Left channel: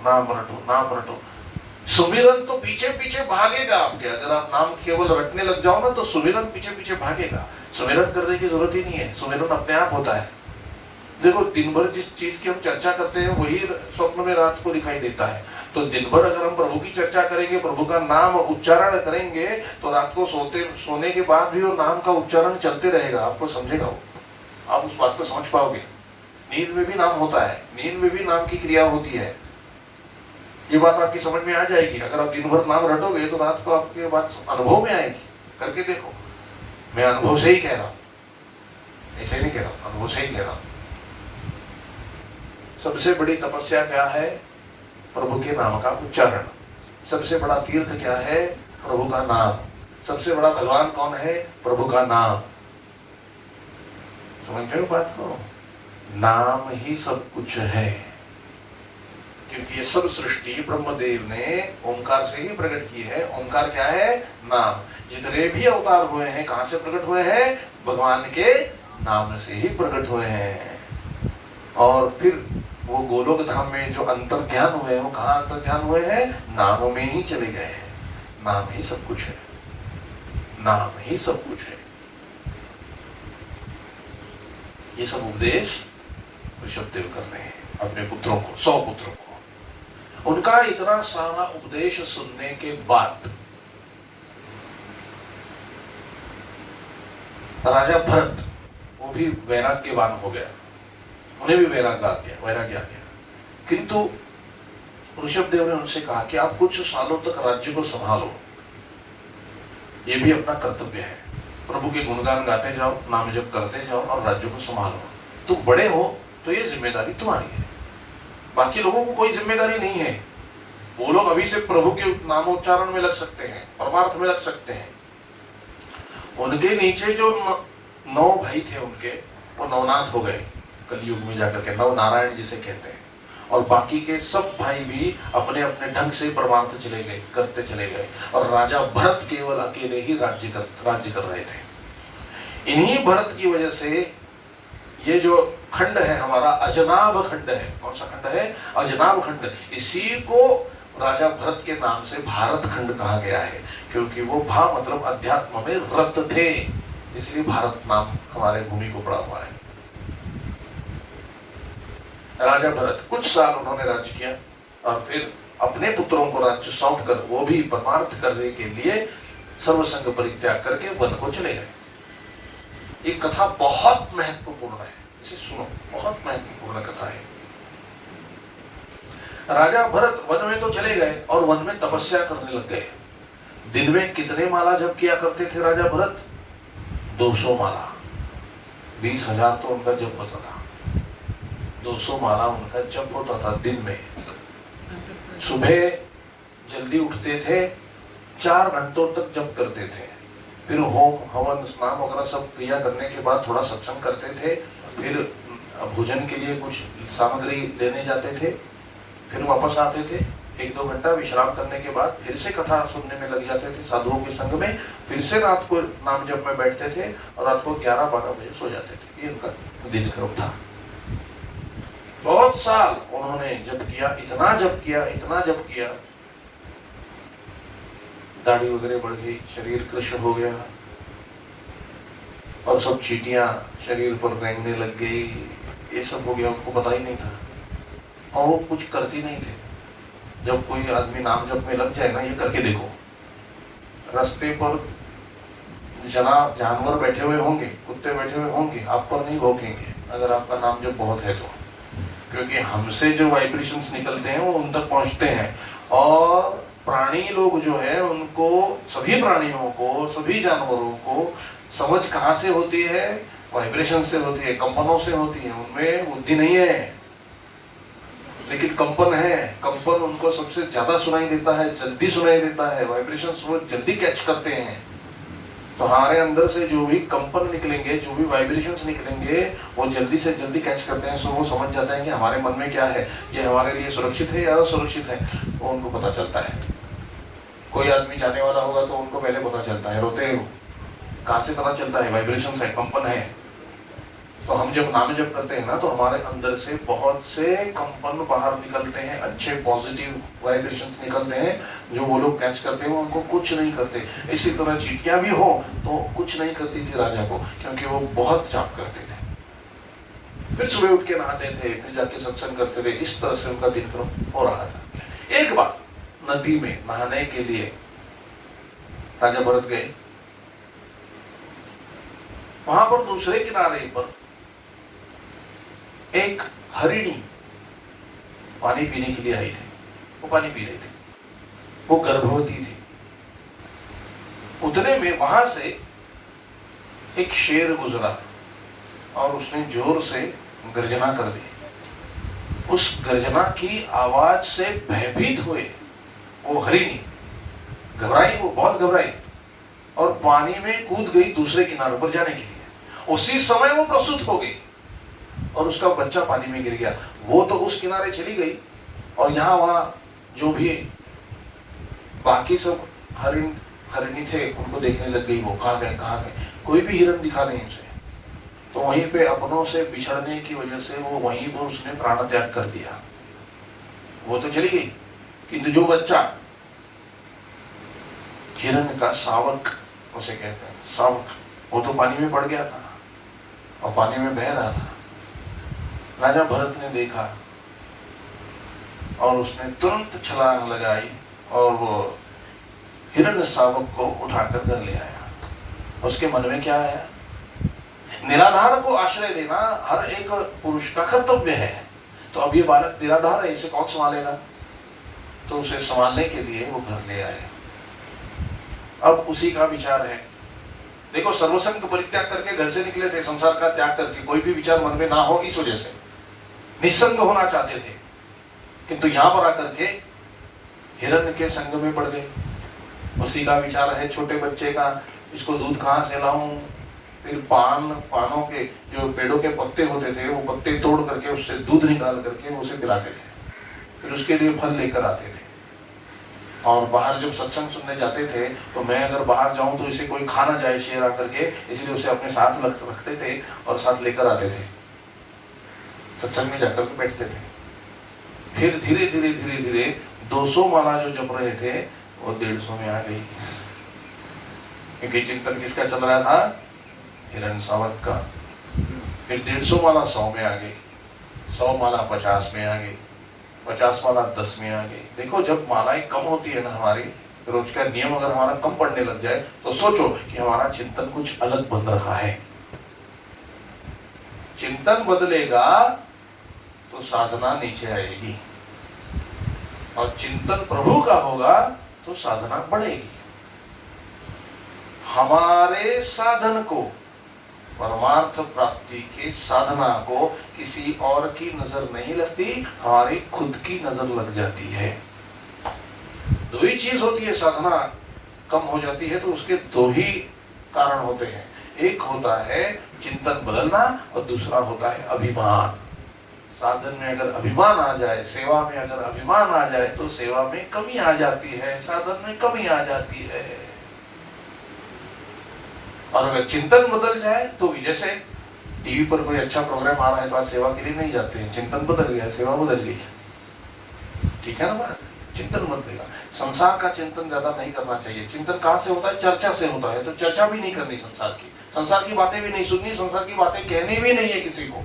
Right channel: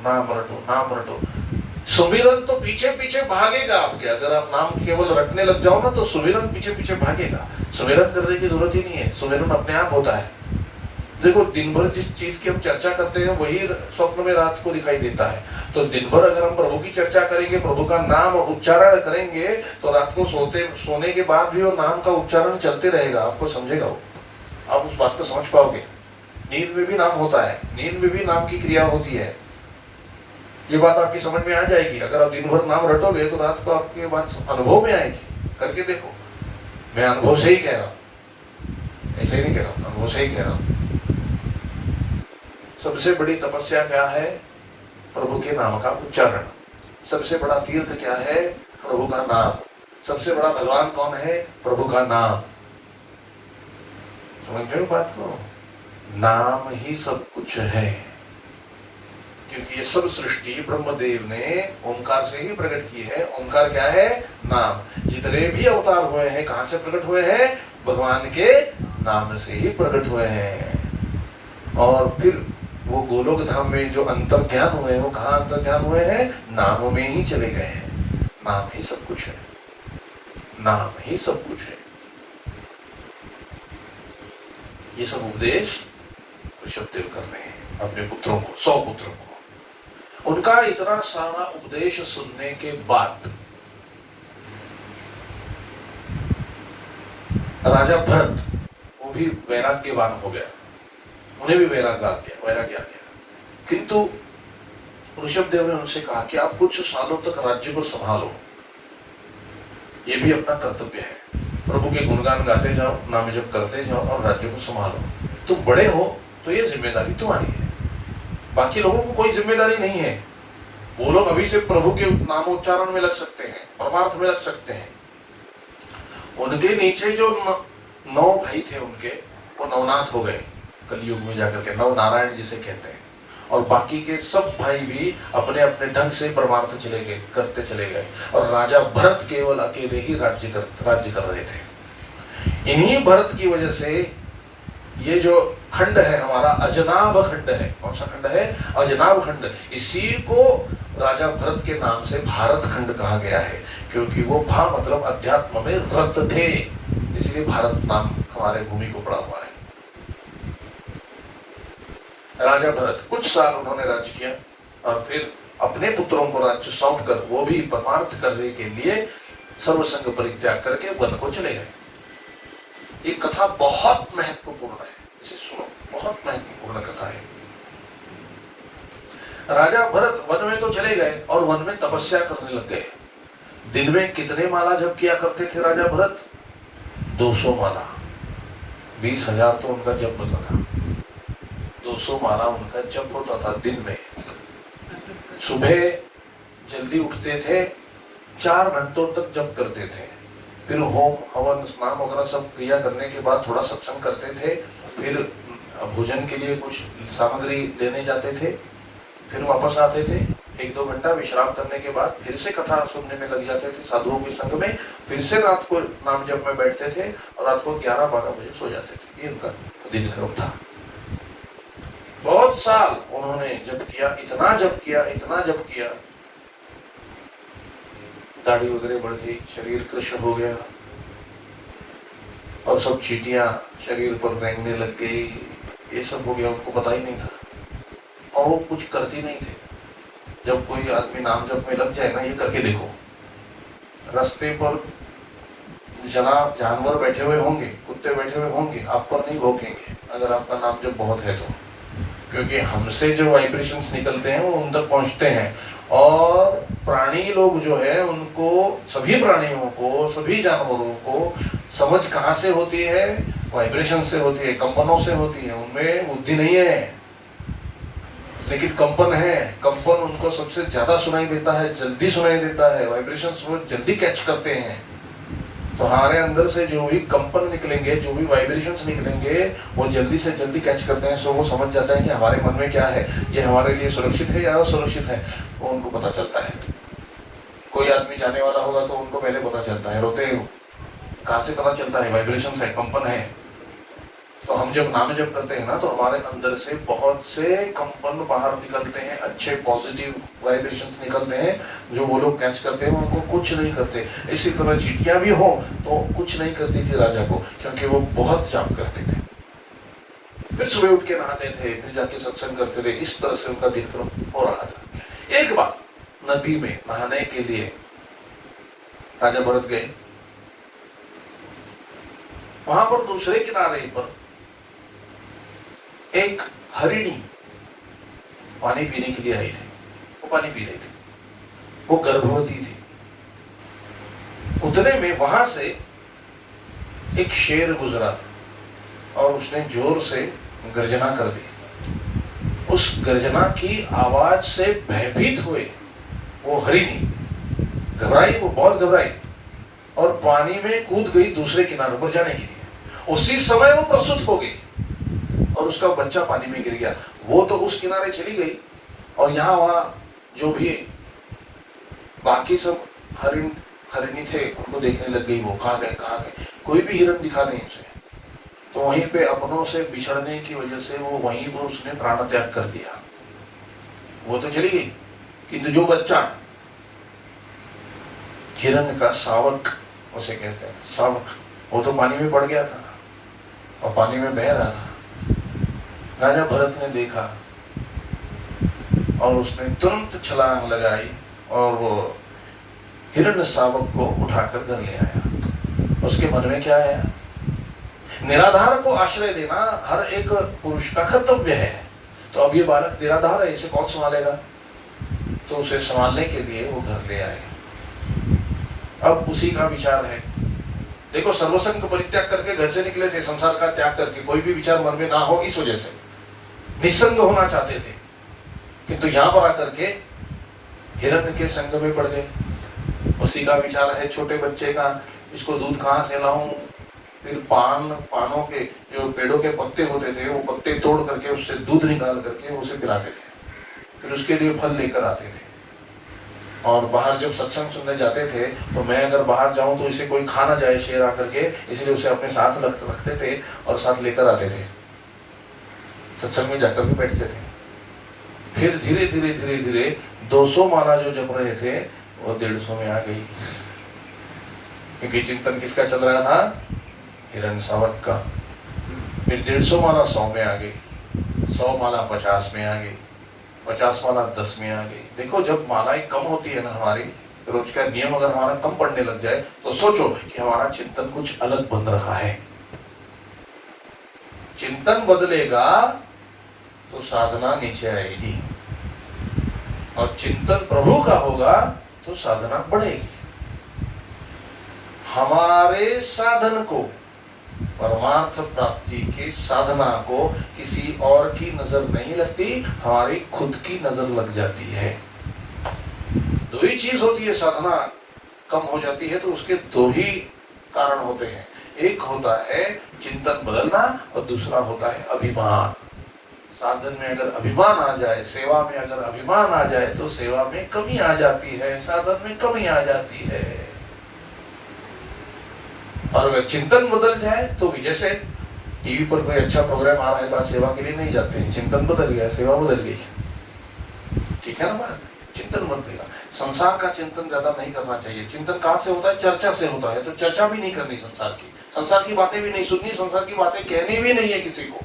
नाम रटो, नाम रटो। सुमिरन तो पीछे पीछे भागेगा आपके। अगर आप नाम केवल रटने लग जाओ ना तो सुमिरन पीछे पीछे भागेगा। सुमिरन करने की जरूरत ही नहीं है, सुमिरन अपने आप होता है। देखो, दिन भर जिस चीज की हम चर्चा करते हैं वही स्वप्न में रात को दिखाई देता है। तो दिन भर अगर हम प्रभु की चर्चा करेंगे, प्रभु का नाम उच्चारण करेंगे, तो रात को सोने के बाद भी वो नाम का उच्चारण चलते रहेगा। आपको समझेगा वो, आप उस बात को समझ पाओगे। नींद में भी नाम होता है, नींद में भी नाम की क्रिया होती है। ये बात आपकी समझ में आ जाएगी। अगर आप दिन भर नाम रटोगे तो रात को आपके बात अनुभव में आएगी। करके देखो, मैं अनुभव से ही कह रहा, ऐसे नहीं कह रहा, अनुभव से ही कह रहा। सबसे बड़ी तपस्या क्या है? प्रभु के नाम का उच्चारण। सबसे बड़ा तीर्थ क्या है? प्रभु का नाम। सबसे बड़ा भगवान कौन है? प्रभु का नाम। समझ रहे हो बात को? नाम ही सब कुछ है, क्योंकि ये सब सृष्टि ब्रह्मदेव ने ओंकार से ही प्रकट की है। ओंकार क्या है? नाम। जितने भी अवतार हुए हैं कहां से प्रकट हुए हैं? भगवान के नाम से ही प्रकट हुए हैं। और फिर वो गोलोक धाम में जो अंतर ध्यान हुए, वो कहाँ अंतर ध्यान हुए हैं? नाम में ही चले गए हैं। नाम ही सब कुछ है, नाम ही सब कुछ है। ये सब उपदेश ऋषभदेव कर रहे हैं अपने पुत्रों को, 100 पुत्रों को। उनका इतना सारा उपदेश सुनने के बाद राजा भरत वो भी वैराग्यवान हो गया, उन्हें भी वैराग्य आ गया। किंतु ऋषभदेव ने उनसे कहा कि आप कुछ सालों तक राज्य को संभालो, ये भी अपना कर्तव्य है। प्रभु के गुणगान गाते जाओ, नाम जप करते जाओ और राज्य को संभालो। तुम बड़े हो तो ये जिम्मेदारी तुम्हारी है, बाकी लोगों को कोई जिम्मेदारी नहीं है। वो लोग अभी से प्रभु के नामोच्चारण में लग सकते हैं, परमार्थ में लग सकते हैं। उनके नीचे जो 9 भाई थे उनके, वो नवनाथ हो गए कलयुग में जाकर के, नव नारायण जिसे कहते हैं। और बाकी के सब भाई भी अपने अपने ढंग से परमार्थ करते चले गए। और राजा भरत केवल अकेले ही राज्य कर रहे थे। इन्हीं भरत की वजह से ये जो खंड है हमारा, अजनाभ खंड है। कौन सा खंड है? अजनाभ खंड। इसी को राजा भरत के नाम से भारत खंड कहा गया है, क्योंकि वो भा मतलब अध्यात्म में रत थे, इसलिए भारत नाम हमारे भूमि को पड़ा हुआ है। राजा भरत कुछ साल उन्होंने राज्य किया और फिर अपने पुत्रों को राज्य सौंप कर वो भी परमार्थ करने के लिए सर्वसंग परित्याग करके वन को चले गए। ये कथा बहुत महत्वपूर्ण है, इसे सुनो, बहुत महत्वपूर्ण कथा है। राजा भरत वन में तो चले गए और वन में तपस्या करने लग गए। दिन में कितने माला जप किया करते थे राजा भरत? 200 माला। 20,000 तो उनका जप होता था। 200 माला उनका जप होता था दिन में। सुबह जल्दी उठते थे, 4 घंटों तक जप करते थे। फिर होम हवन स्नान वगैरह सब क्रिया करने के बाद थोड़ा सत्संग करते थे। फिर भोजन के लिए कुछ सामग्री लेने जाते थे, फिर वापस आते थे। 1-2 घंटा विश्राम करने के बाद फिर से कथा सुनने में लग जाते थे साधुओं के संग में। फिर से रात को नाम जप में बैठते थे और रात को 11-12 बजे सो जाते थे। ये उनका दिनक्रम था। बहुत साल उन्होंने जप किया, इतना जप किया, दाढ़ी वगैरह बढ़ गई, शरीर कृष्ण हो गया और सब चींटियां शरीर पर रेंगने लग गई। ये सब हो गया, उनको पता ही नहीं था और वो कुछ करते नहीं थे। जब कोई आदमी नाम जप में लग जाए ना, ये करके देखो, रास्ते पर जानवर बैठे हुए होंगे, कुत्ते बैठे हुए होंगे, आप पर नहीं भौंकेंगे अगर आपका नाम जप बहुत है तो, क्योंकि हमसे जो वाइब्रेशंस निकलते हैं वो उन तक पहुंचते हैं। और प्राणी लोग जो है उनको, सभी प्राणियों को, सभी जानवरों को समझ कहाँ से होती है? वाइब्रेशन से होती है, कंपनों से होती है। उनमें बुद्धि नहीं है लेकिन कंपन है। कंपन उनको सबसे ज्यादा सुनाई देता है, जल्दी सुनाई देता है, वाइब्रेशंस वो जल्दी कैच करते हैं। तो हमारे अंदर से जो भी कंपन निकलेंगे, जो भी वाइब्रेशंस निकलेंगे, वो जल्दी से जल्दी कैच करते हैं। सो वो समझ जाता है कि हमारे मन में क्या है, ये हमारे लिए सुरक्षित है या असुरक्षित है, वो उनको पता चलता है। कोई आदमी जाने वाला होगा तो उनको पहले पता चलता है, रोते हैं। कहाँ से पता चलता है? वाइब्रेशंस है, कंपन है। तो हम जब नाम जप करते हैं ना, तो हमारे अंदर से बहुत से कंपन बाहर निकलते हैं, अच्छे पॉजिटिव वाइब्रेशंस निकलते हैं, जो वो लोग कैच करते हैं उनको कुछ नहीं करते। इसी तरह चींटियां भी हो तो कुछ नहीं करती थी राजा को, क्योंकि वो बहुत जाप करते थे। फिर सुबह उठ के नहाते थे, फिर जाके सत्संग करते थे। इस तरह से उनका दिनक्रम हो रहा था। एक बार नदी में नहाने के लिए राजा भरत गए। वहां पर दूसरे किनारे पर एक हरिणी पानी पीने के लिए आई थी। वो पानी पी रही थी, वो गर्भवती थी। उतने में वहां से एक शेर गुजरा और उसने जोर से गर्जना कर दी। उस गर्जना की आवाज से भयभीत हुए वो हरिणी घबराई, वो बहुत घबराई और पानी में कूद गई दूसरे किनारे पर जाने के लिए। उसी समय वो प्रसूत हो गई और उसका बच्चा पानी में गिर गया। वो तो उस किनारे चली गई और यहाँ वहां जो भी बाकी सब हरिणी थे उनको देखने लग गई। वो कहाँ गए, कोई भी हिरण दिखा नहीं उसे। तो वहीं पे अपनों से बिछड़ने की वजह से वो वहीं पर उसने प्राण त्याग कर दिया। वो तो चली गई, किंतु जो बच्चा हिरण का सावक उसे कहते हैं, सावक, वो तो पानी में पड़ गया था और पानी में बह रहा था। राजा भरत ने देखा और उसने तुरंत छलांग लगाई और वो हिरण शावक को उठाकर घर ले आया। उसके मन में क्या आया? निराधार को आश्रय देना हर एक पुरुष का कर्तव्य है। तो अब ये बालक निराधार है, इसे कौन संभालेगा? तो उसे संभालने के लिए वो घर ले आए। अब उसी का विचार है। देखो, सर्वसंग परित्याग करके घर से निकले थे, संसार का त्याग करके, कोई भी विचार मन में ना हो इस वजह से निस्संग होना चाहते थे। किंतु यहां पर आकर के हिरण के संग में पड़ गए। उसी का विचार है छोटे बच्चे का, इसको दूध कहाँ से लाऊं? फिर पानों के जो पेड़ों के पत्ते होते थे, वो पत्ते तोड़ करके उससे दूध निकाल करके उसे पिलाते थे। फिर उसके लिए फल लेकर आते थे। और बाहर जब सत्संग सुनने जाते थे तो मैं अगर बाहर जाऊं तो इसे कोई खा ना जाए शेर आकर के, इसलिए उसे अपने साथ रखते थे और साथ लेकर आते थे। सत्संग में जाकर भी बैठते थे। फिर धीरे धीरे 200 माला जो जप रहे थे वो 150 में आ गई, क्योंकि चिंतन किसका चल रहा था? हिरण शावक का। फिर 150 माला 100 में आ गई, 100 माला 50 में आ गई, 50 माला 10 में आ गई। देखो, जब मालाएं कम होती है ना, हमारी रोज का नियम अगर हमारा कम पड़ने लग जाए तो सोचो कि हमारा चिंतन कुछ अलग बन रहा है। चिंतन बदलेगा तो साधना नीचे आएगी, और चिंतन प्रभु का होगा तो साधना बढ़ेगी। हमारे साधन को, परमार्थ प्राप्ति की साधना को किसी और की नजर नहीं लगती, हमारी खुद की नजर लग जाती है। दो ही चीज होती है, साधना कम हो जाती है तो उसके दो ही कारण होते हैं। एक होता है चिंतन बदलना और दूसरा होता है अभिमान। साधन में अगर अभिमान आ जाए, सेवा में अगर अभिमान आ जाए तो सेवा में कमी आ जाती है, साधन में कमी आ जाती है। और अगर चिंतन बदल जाए तो भी, जैसे टीवी पर कोई अच्छा प्रोग्राम आ रहा है, बात सेवा के लिए नहीं जाते हैं, चिंतन बदल गया, सेवा बदल गई। ठीक है ना बात? चिंतन बदल गया। संसार का चिंतन ज्यादा नहीं करना चाहिए। चिंतन कहाँ से होता है? चर्चा से होता है। तो चर्चा भी नहीं करनी संसार की बातें भी नहीं सुननी, संसार की बातें कहनी भी नहीं है किसी को,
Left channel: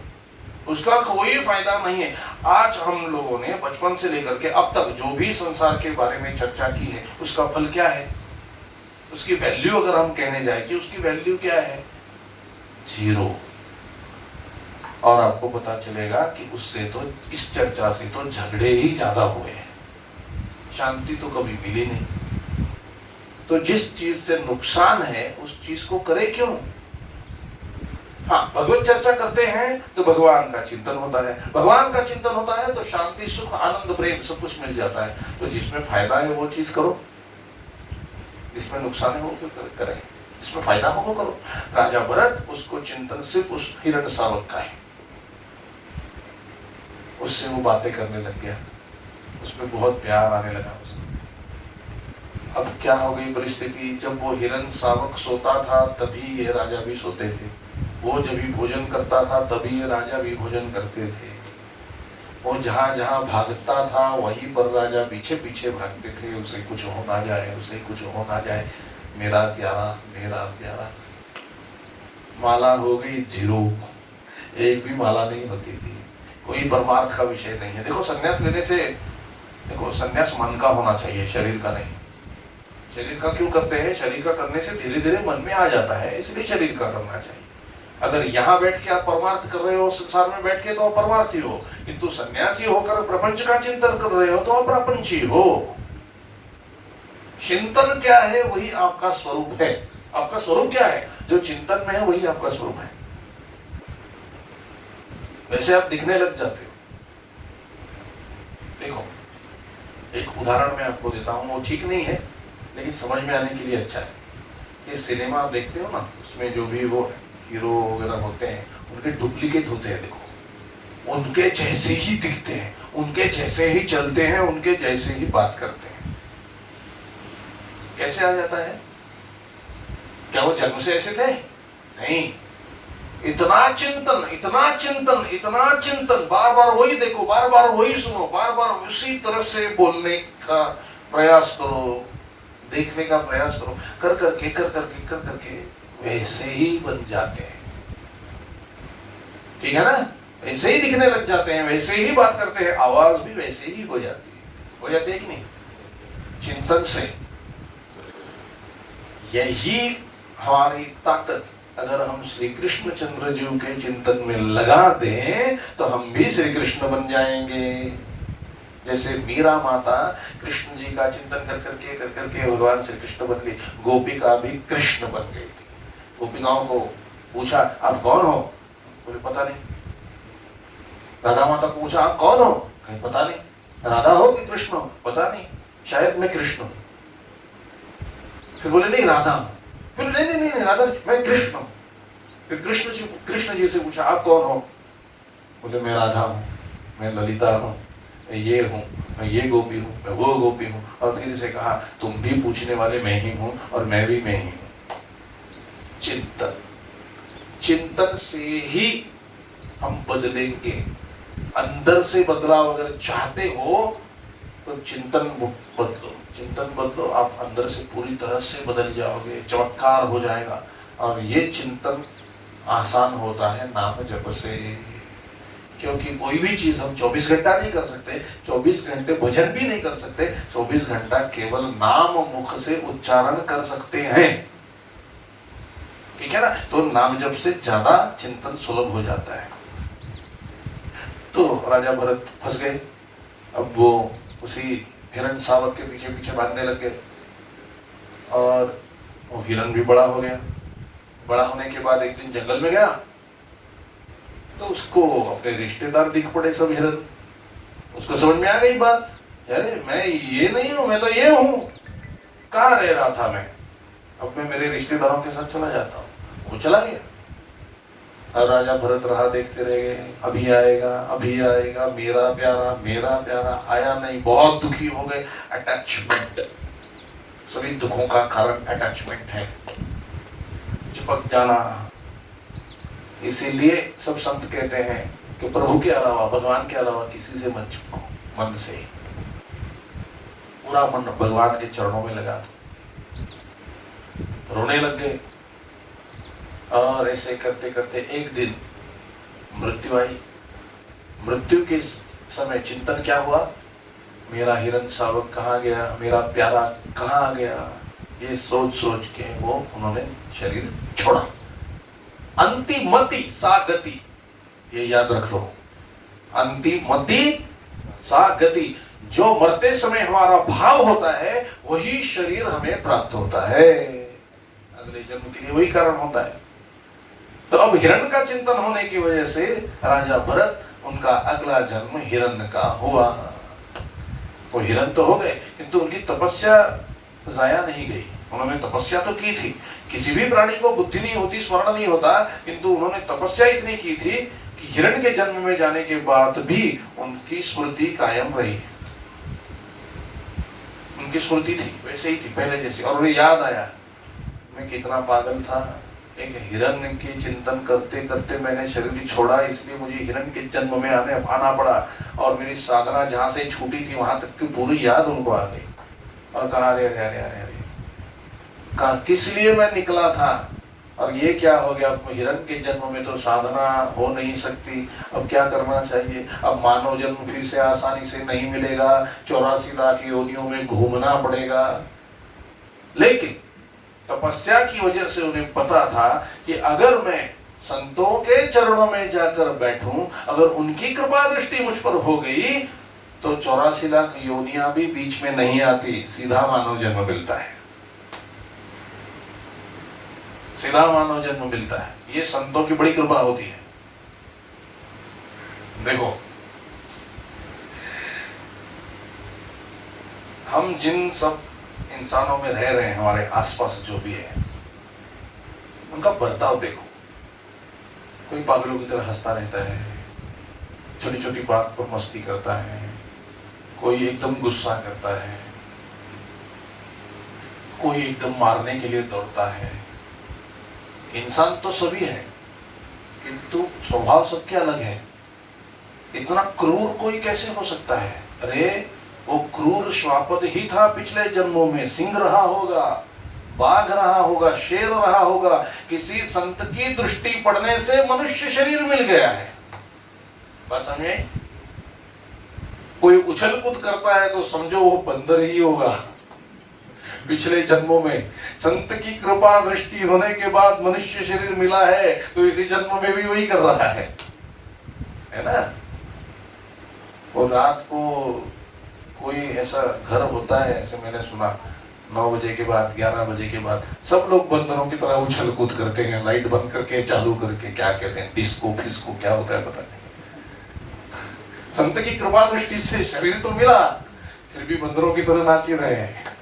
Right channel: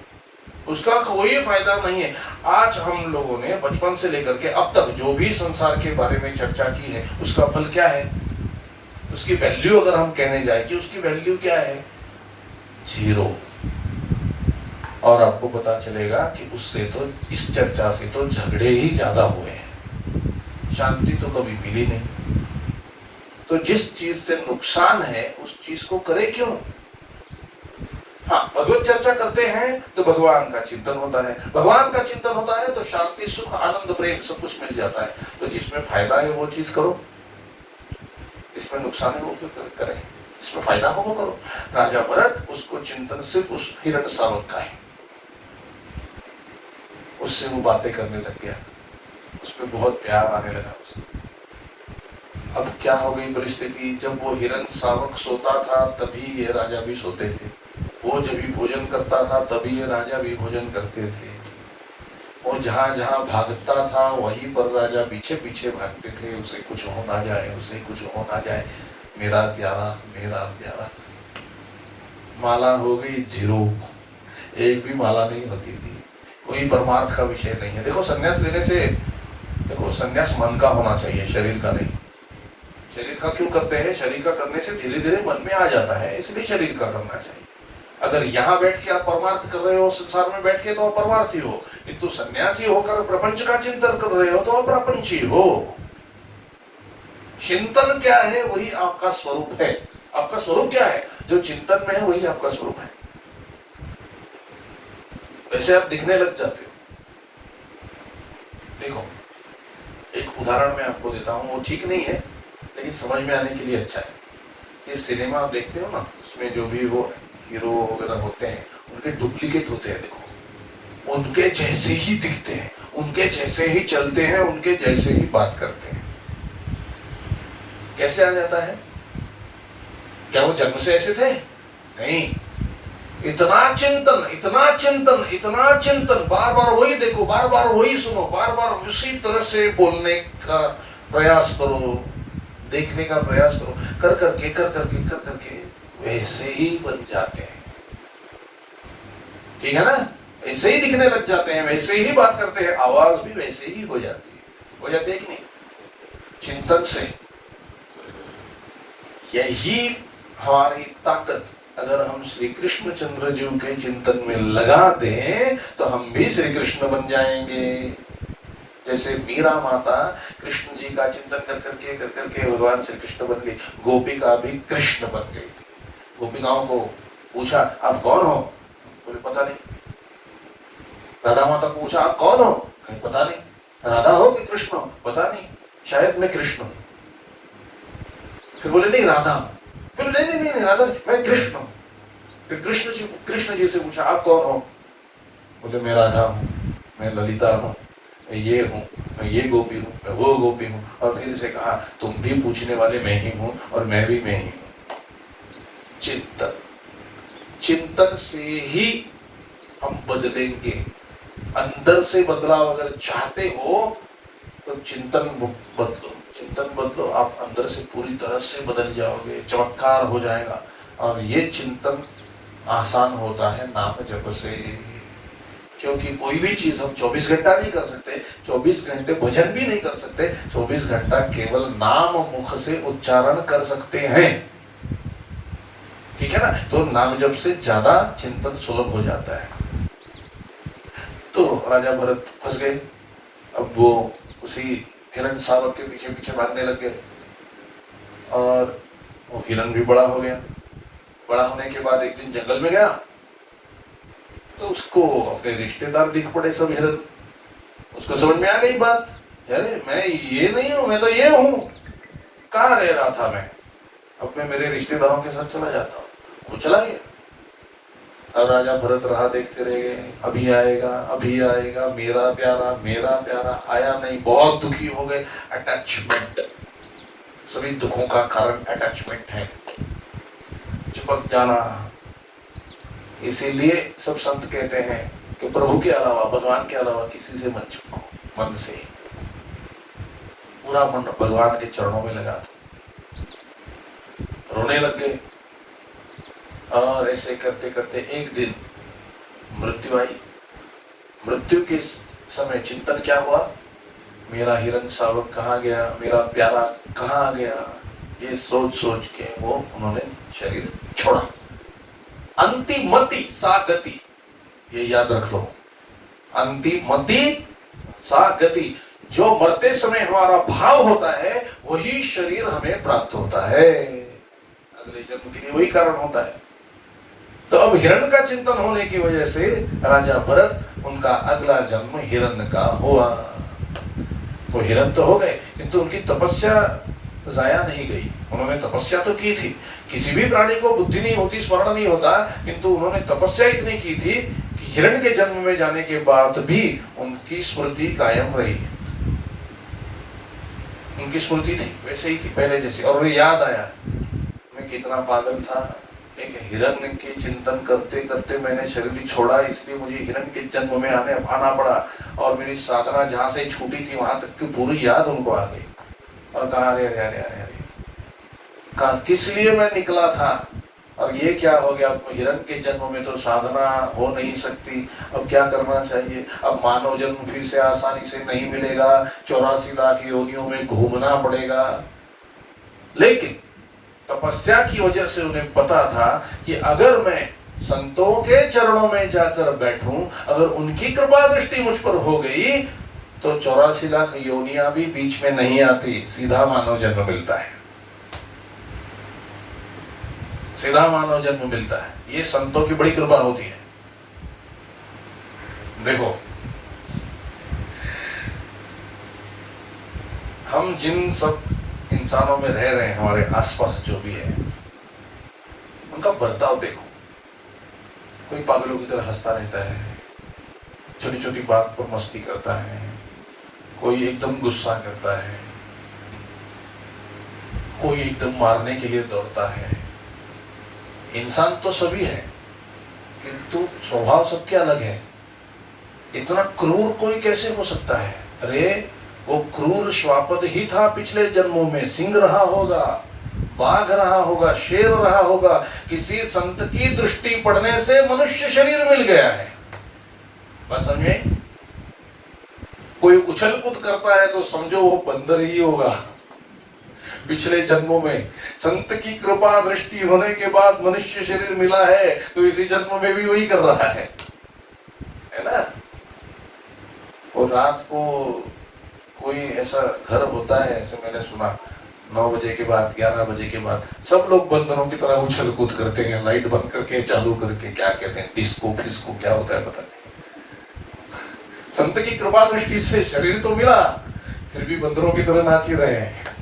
उसका कोई फायदा नहीं है। आज हम लोगों ने बचपन से लेकर के अब तक जो भी संसार के बारे में चर्चा की है, उसका फल क्या है? उसकी वैल्यू अगर हम कहने जाए कि उसकी वैल्यू क्या है? 0। और आपको पता चलेगा कि उससे तो, इस चर्चा से तो झगड़े ही ज्यादा हुए हैं, शांति तो कभी मिली नहीं। तो जिस चीज से नुकसान है उस चीज को करे क्यों? हाँ, भगवत चर्चा करते हैं तो भगवान का चिंतन होता है, भगवान का चिंतन होता है तो शांति, सुख, आनंद, प्रेम सब कुछ मिल जाता है। तो जिसमें फायदा है वो चीज करो, इसमें नुकसान है वो क्यों करें? इसमें फायदा हो वो करो। राजा भरत, उसको चिंतन सिर्फ उस हिरण शावक का है, उससे वो बातें करने लग गया, उसमें बहुत प्यार आने लगा। अब क्या हो गई परिस्थिति? जब वो हिरण शावक सोता था तभी ये राजा भी सोते थे। वो जब भी भोजन करता था तभी ये राजा भी भोजन करते थे। वो जहाँ जहाँ भागता था वहीं पर राजा पीछे पीछे भागते थे, उसे कुछ हो ना जाए, उसे कुछ हो ना जाए, मेरा प्यारा मेरा प्यारा। माला हो गई 0, एक भी माला नहीं होती थी। कोई परमार्थ का विषय नहीं है। देखो संन्यास लेने से, देखो संन्यास मन का होना चाहिए, शरीर का नहीं। शरीर का क्यों करते हैं? शरीर का करने से धीरे धीरे मन में आ जाता है, इसलिए शरीर का करना चाहिए। अगर यहाँ बैठ के आप परमार्थ कर रहे हो, संसार में बैठ के, तो आप परमार्थी हो। किंतु सन्यासी होकर प्रपंच का चिंतन कर रहे हो तो आप प्रपंची हो। चिंतन क्या है? वही आपका स्वरूप है। आपका स्वरूप क्या है? जो चिंतन में है वही आपका स्वरूप है। वैसे आप दिखने लग जाते हो। देखो एक उदाहरण मैं आपको देता हूँ, वो ठीक नहीं है लेकिन समझ में आने के लिए अच्छा है। ये सिनेमा आप देखते हो ना, उसमें जो भी वो हीरो वगैरह होते हैं उनके डुप्लीकेट होते हैं। देखो उनके जैसे ही दिखते हैं, उनके जैसे ही चलते हैं, उनके जैसे ही बात करते हैं। कैसे आ जाता है? क्या वो जन्म से ऐसे थे? नहीं। इतना चिंतन, इतना चिंतन, इतना चिंतन, बार बार वही देखो, बार बार वही सुनो, बार बार उसी तरह से बोलने का प्रयास करो, देखने का प्रयास करो, कर करके वैसे ही बन जाते हैं। ठीक है ना? ऐसे ही दिखने लग जाते हैं, वैसे ही बात करते हैं, आवाज भी वैसे ही हो जाती है कि नहीं? चिंतन से। यही हमारी ताकत अगर हम श्री कृष्ण चंद्र जी के चिंतन में लगा दें तो हम भी श्री कृष्ण बन जाएंगे। जैसे मीरा माता कृष्ण जी का चिंतन कर करके भगवान श्री कृष्ण बन गई, गोपिका भी कृष्ण बन गई। गोपिकाओं को पूछा आप कौन हो? बोले पता नहीं। राधा माता को पूछा आप कौन हो? कहीं पता नहीं। राधा हो कि कृष्ण हो? पता नहीं, शायद मैं कृष्ण हूं। फिर बोले नहीं राधा हूं। फिर नहीं राधा, मैं कृष्ण हूं। फिर कृष्ण जी से पूछा आप कौन हो? बोले मैं राधा हूं, मैं ललिता हूं, मैं ये हूं, मैं ये गोपी हूं, मैं वो गोपी हूं। और फिर से कहा तुम भी पूछने वाले मैं ही हूं और मैं भी मैं ही हूं। चिंतन, चिंतन से ही हम बदलेंगे। अंदर से बदलाव अगर चाहते हो तो चिंतन बदलो, चिंतन बदलो, आप अंदर से पूरी तरह से बदल जाओगे, चमत्कार हो जाएगा। और ये चिंतन आसान होता है नाम जप से। क्योंकि कोई भी चीज हम 24 घंटा नहीं कर सकते, 24 घंटे भजन भी नहीं कर सकते, 24 घंटा केवल नाम मुख से उच्चारण कर सकते हैं। ठीक है ना? तो नाम जप से ज्यादा चिंतन सुलभ हो जाता है। तो राजा भरत फंस गए। अब वो उसी हिरण सावक के पीछे पीछे भागने लग गए और वो हिरण भी बड़ा हो गया। बड़ा होने के बाद एक दिन जंगल में गया तो उसको अपने रिश्तेदार दिख पड़े, सब हिरण। उसको समझ में आ गई बात, अरे मैं ये नहीं हूं, मैं तो ये हूं। कहाँ रह रहा था मैं? अब मैं मेरे रिश्तेदारों के साथ चला जाता हूं। वो चला गया। अब राजा भरत राह देखते रह गए, अभी आएगा अभी आएगा मेरा प्यारा। आया नहीं, बहुत दुखी हो गए। अटैचमेंट, सभी दुखों का कारण अटैचमेंट है, चिपक जाना। इसीलिए सब संत कहते हैं कि प्रभु के अलावा, भगवान के अलावा किसी से मत चिपको। मन से पूरा मन भगवान के चरणों में लगा दो। रोने लग गए और ऐसे करते करते एक दिन मृत्यु आई। मृत्यु के समय चिंतन क्या हुआ? मेरा हिरण सावक कहाँ गया, मेरा प्यारा कहाँ गया? ये सोच सोच के वो उन्होंने शरीर छोड़ा। अंतिमति सा गति, ये याद रख लो। अंतिमति सा गति, जो मरते समय हमारा भाव होता है वही शरीर हमें प्राप्त होता है। अगले जन्म के लिए वही कारण होता है। तो अब हिरण का चिंतन होने की वजह से राजा भरत, उनका अगला जन्म हिरण का हुआ। वो हिरण तो हो गए किंतु उनकी तपस्या जाया नहीं गई। उन्होंने तपस्या तो की थी। किसी भी प्राणी को बुद्धि नहीं होती, स्मरण नहीं होता, किंतु उन्होंने तपस्या इतनी की थी कि हिरण के जन्म में जाने के बाद भी उनकी स्मृति कायम रही। उनकी स्मृति थी वैसे ही थी पहले जैसे। और उन्हें याद आया मैं कितना पागल था, एक हिरण के चिंतन करते करते मैंने शरीर छोड़ा, इसलिए मुझे हिरण के जन्म में आना पड़ा, और मेरी साधना जहां से छूटी थी वहां तक की पूरी याद उनको आ गई। और कहा अरे अरे अरे अरे, कहा किस लिए मैं निकला था, और ये क्या हो गया, अब हिरण के जन्म में तो साधना हो नहीं सकती, अब क्या करना चाहिए, अब मानव जन्म फिर से आसानी से नहीं मिलेगा, 84 लाख योनियों में घूमना पड़ेगा। लेकिन तपस्या की वजह से उन्हें पता था कि अगर मैं संतों के चरणों में जाकर बैठूं, अगर उनकी कृपा दृष्टि मुझ पर हो गई, तो 84 लाख योनियां भी बीच में नहीं आती, सीधा मानव जन्म मिलता है, सीधा मानव जन्म मिलता है। ये संतों की बड़ी कृपा होती है। देखो, हम जिन सब इंसानों में रह रहे हैं, हमारे आसपास जो भी है, उनका बर्ताव देखो। कोई पागलों की तरह हंसता रहता है, छोटी छोटी बात पर मस्ती करता है, कोई एकदम गुस्सा करता है, कोई एकदम मारने के लिए दौड़ता है। इंसान तो सभी है, किंतु स्वभाव सबके अलग है। इतना क्रूर कोई कैसे हो सकता है? अरे वो क्रूर श्वापद ही था पिछले जन्मों में, सिंह रहा होगा, बाघ रहा होगा, शेर रहा होगा, किसी संत की दृष्टि पड़ने से मनुष्य शरीर मिल गया है। बस समझे? कोई उछल कूद करता है तो समझो वो बंदर ही होगा। पिछले जन्मों में संत की कृपा दृष्टि होने के बाद मनुष्य शरीर मिला है, तो इसी जन्म में भी वही कर रहा है ना? और रात को कोई ऐसा घर होता है, ऐसे मैंने सुना, 9 बजे के बाद, 11 बजे के बाद सब लोग बंदरों की तरह उछल कूद करते हैं, लाइट बंद करके, चालू करके, क्या कहते हैं, डिस्को फिस्को, क्या होता है पता नहीं। संत की कृपा दृष्टि से शरीर तो मिला, फिर भी बंदरों की तरह नाच ही रहे हैं।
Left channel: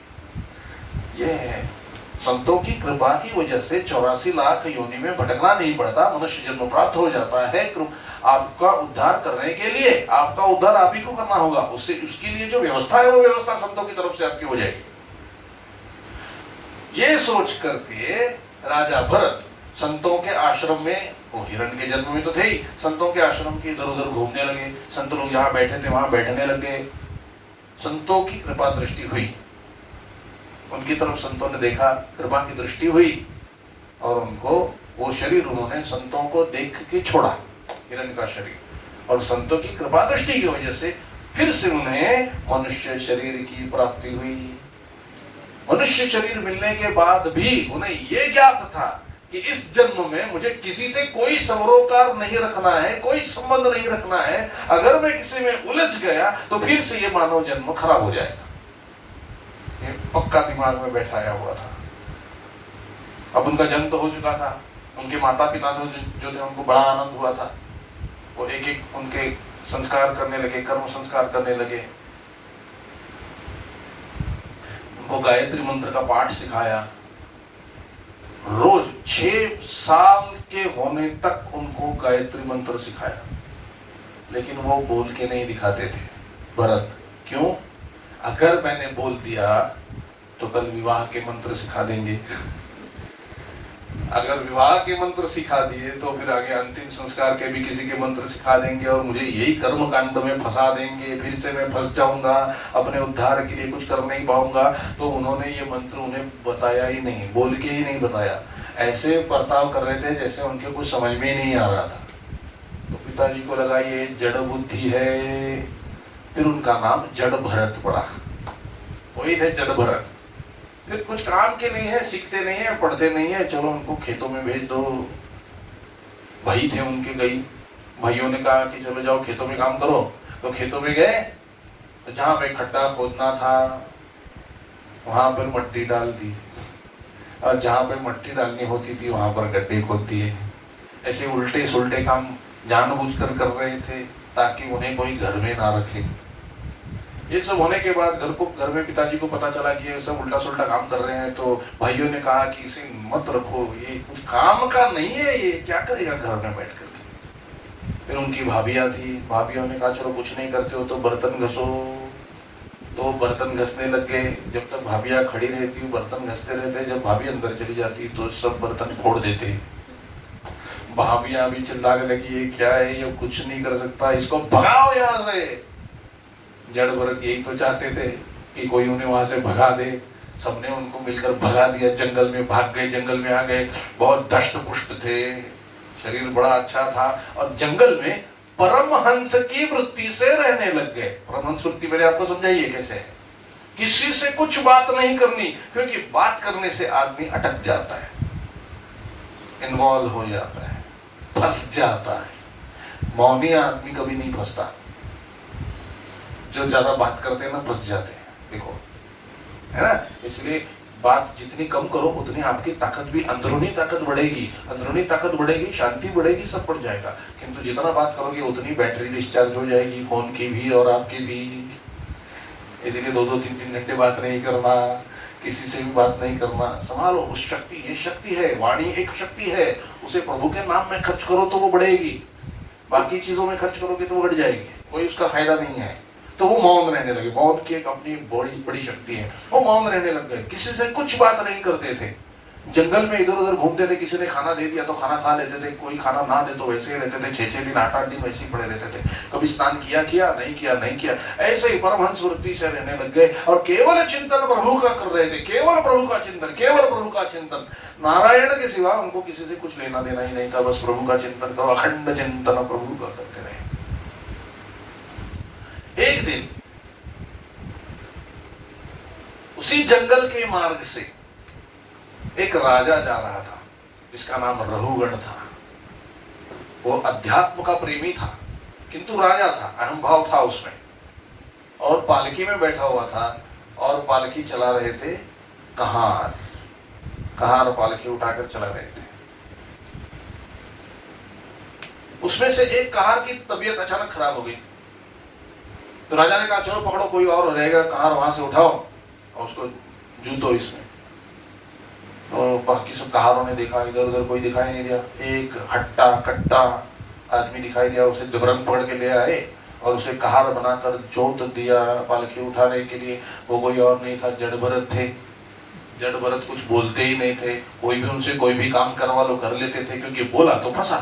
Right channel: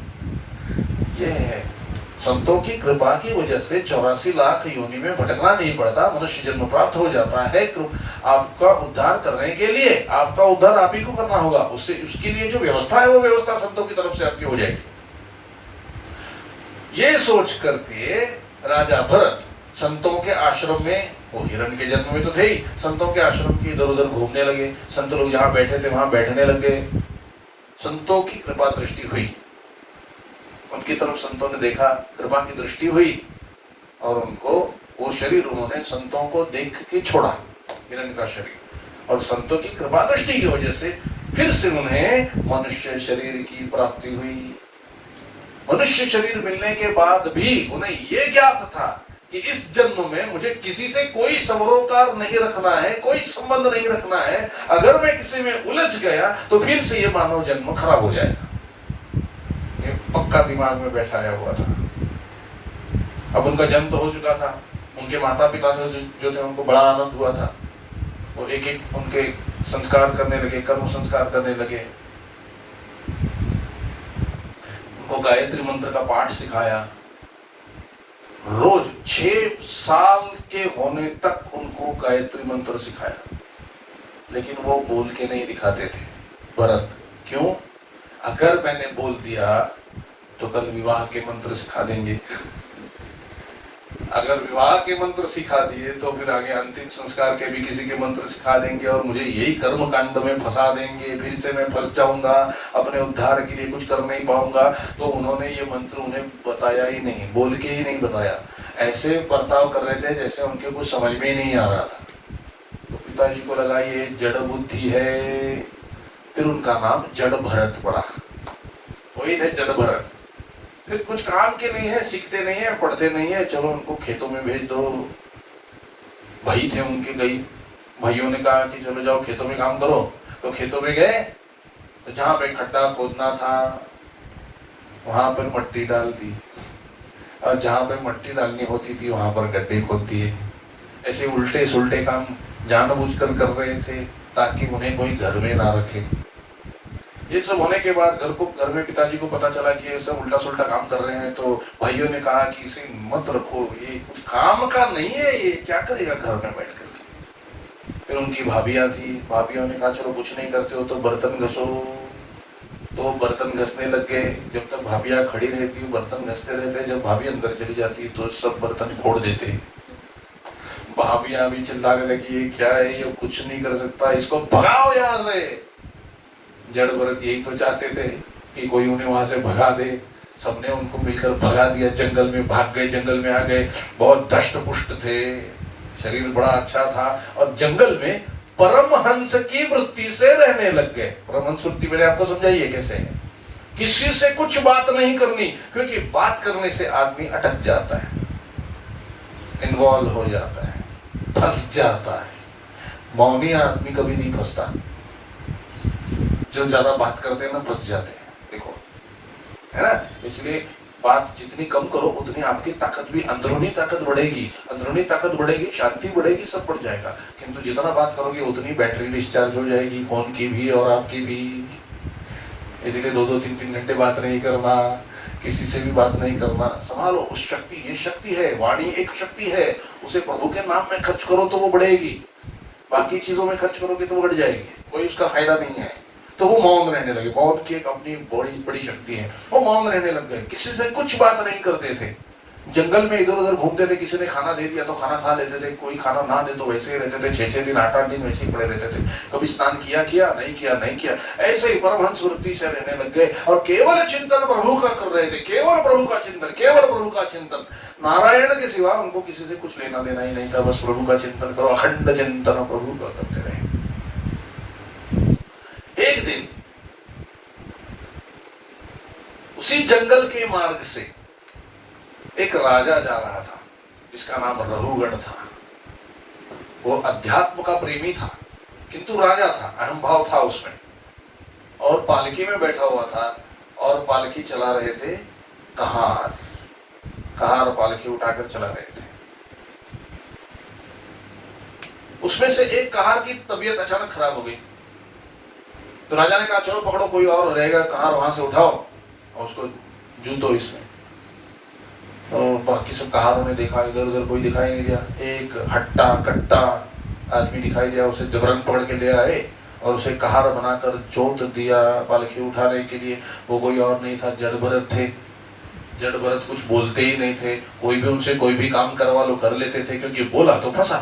ये है, संतों की कृपा की वजह से 84 लाख योनि में भटकना नहीं पड़ता, मनुष्य जन्म प्राप्त हो जाता है। आपका उद्धार करने के लिए, आपका उद्धार आप ही को करना होगा, उससे उसके लिए जो व्यवस्था है, वो व्यवस्था संतों की तरफ से आपकी हो जाएगी। ये सोच करके राजा भरत संतों के आश्रम में, वो हिरण के जन्म में तो थे ही, संतों के आश्रम की इधर उधर घूमने लगे। संत लोग जहां बैठे थे वहां बैठने लग गए। संतों की कृपा दृष्टि हुई, उनकी तरफ संतों ने देखा, कृपा की दृष्टि हुई, और उनको वो शरीर उन्होंने संतों को देख के छोड़ा, हिरण का शरीर। और संतों की कृपा दृष्टि की वजह से फिर से उन्हें मनुष्य शरीर की प्राप्ति हुई। मनुष्य शरीर मिलने के बाद भी उन्हें ये ज्ञात था कि इस जन्म में मुझे किसी से कोई सरोकार नहीं रखना है, कोई संबंध नहीं रखना है। अगर मैं किसी में उलझ गया तो फिर से ये मानव जन्म खराब हो जाएगा। पक्का दिमाग में बैठाया हुआ था। अब उनका जन्म तो हो चुका था, उनके माता पिता तो जो थे उनको बड़ा आनंद हुआ था। वो एक एक उनके संस्कार करने लगे, कर्म संस्कार करने लगे, उनको गायत्री मंत्र का पाठ सिखाया। रोज 6 साल के होने तक उनको गायत्री मंत्र सिखाया, लेकिन वो बोल के नहीं दिखाते थे भरत। क्यों? अगर मैंने बोल दिया तो कल विवाह के मंत्र सिखा देंगे, अगर विवाह के मंत्र सिखा दिए तो फिर आगे अंतिम संस्कार के भी किसी के मंत्र सिखा देंगे और मुझे यही कर्म कांड में फंसा देंगे, फिर से मैं फंस जाऊंगा, अपने उद्धार के लिए कुछ कर नहीं पाऊंगा। तो उन्होंने ये मंत्र उन्हें बताया ही नहीं, बोल के ही नहीं बताया, ऐसे बर्ताव कर रहे थे जैसे उनके कुछ समझ में ही नहीं आ रहा था। तो पिताजी को लगा ये जड़ बुद्धि है, फिर उनका नाम जड़ भरत पड़ा। वही थे जड़ भरत। फिर कुछ काम के नहीं है, सीखते नहीं है, पढ़ते नहीं है, चलो उनको खेतों में भेज दो। भाई थे उनके, कई भाइयों ने कहा कि चलो जाओ खेतों में काम करो। तो खेतों में गए, तो जहां पे खड्डा खोदना था वहां पर मट्टी डाल दी, और जहां पे मट्टी डालनी होती थी वहां पर गड्ढे खोद दिए। ऐसे उल्टे सुलटे काम जानबूझकर कर रहे थे ताकि उन्हें कोई घर में ना रखे। ये सब होने के बाद घर में पिताजी को पता चला कि ये सब उल्टा सुल्टा काम कर रहे हैं। तो भाइयों ने कहा कि इसे मत रखो, ये कुछ काम का नहीं है, ये क्या करेगा घर में बैठ करके। फिर उनकी भाभियां थी, भाभियों ने कहा चलो कुछ नहीं करते हो तो बर्तन घसो। तो बर्तन घसने लग गए। जब तक भाभियां खड़ी रहती बर्तन घसते रहते, जब भाभी अंदर चली जाती तो सब बर्तन फोड़ देते। भाभियां भी चिल्लाने लगी, ये क्या है, ये कुछ नहीं कर सकता, इसको भगाओ यहाँ से। जड़ भरत यही तो चाहते थे कि कोई उन्हें वहां से भगा दे। सबने उनको मिलकर भगा दिया, जंगल में भाग गए, जंगल में आ गए। बहुत दष्ट पुष्ट थे, शरीर बड़ा अच्छा था, और जंगल में परमहंस की वृत्ति से रहने लग गए। परमहंस वृत्ति मैंने आपको समझाइए कैसे है। किसी से कुछ बात नहीं करनी, क्योंकि बात करने से आदमी अटक जाता है, इन्वॉल्व हो जाता है, फंस जाता है। मौनी आदमी कभी नहीं फंसता, जो ज्यादा बात करते हैं ना फंस जाते हैं, देखो, है ना। इसलिए बात जितनी कम करो उतनी आपकी ताकत भी, अंदरूनी ताकत बढ़ेगी, अंदरूनी ताकत बढ़ेगी, शांति बढ़ेगी, सब बढ़ जाएगा। किंतु जितना बात करोगे उतनी बैटरी डिस्चार्ज हो जाएगी, फोन की भी और आपकी भी। इसीलिए 2-2, 3-3 घंटे बात नहीं करना, किसी से भी बात नहीं करना। संभालो उस शक्ति, ये शक्ति है, वाणी एक शक्ति है, उसे प्रभु के नाम में खर्च करो तो वो बढ़ेगी। बाकी चीजों में खर्च करोगे तो वो बढ़ जाएगी, कोई उसका फायदा नहीं है। तो वो मौन रहने लगे। मौन की एक अपनी बड़ी शक्ति है। वो मौन रहने लग गए, किसी से कुछ बात नहीं करते थे। जंगल में इधर उधर घूमते थे, किसी ने खाना दे दिया तो खाना खा लेते थे, कोई खाना ना दे तो वैसे ही रहते थे। 6-6 दिन 8-8 दिन वैसे ही पड़े रहते थे। कभी स्नान किया नहीं किया, ऐसे ही परमहंस वृत्ति से रहने लग गए और केवल चिंतन प्रभु का कर रहे थे, केवल प्रभु का चिंतन, केवल प्रभु का चिंतन। नारायण के सिवा उनको किसी से कुछ लेना देना ही नहीं था, बस प्रभु का चिंतन करो, अखंड चिंतन प्रभु का करते रहे। एक दिन उसी जंगल के मार्ग से एक राजा जा रहा था, जिसका नाम रहुगण था। वो अध्यात्म का प्रेमी था, किंतु राजा था, अहम भाव था उसमें, और पालकी में बैठा हुआ था। और पालकी चला रहे थे कहार पालकी उठाकर चला रहे थे। उसमें से एक कहार की तबीयत अचानक खराब हो गई, तो राजा ने कहा चलो पकड़ो, कोई और रहेगा कहार, वहां से उठाओ और उसको जूतो इसमें। तो बाकी सब कहारों ने देखा, इधर उधर कोई दिखाई नहीं दिया। एक हट्टा कट्टा आदमी दिखाई दिया, उसे जबरन पकड़ के ले आए और उसे कहार बनाकर जोत दिया पालकी उठाने के लिए। वो कोई और नहीं था, जड़ भरत थे। जड़ भरत कुछ बोलते ही नहीं थे, कोई भी उनसे कोई भी काम करवा लो कर लेते थे, क्योंकि बोला तो फंसा,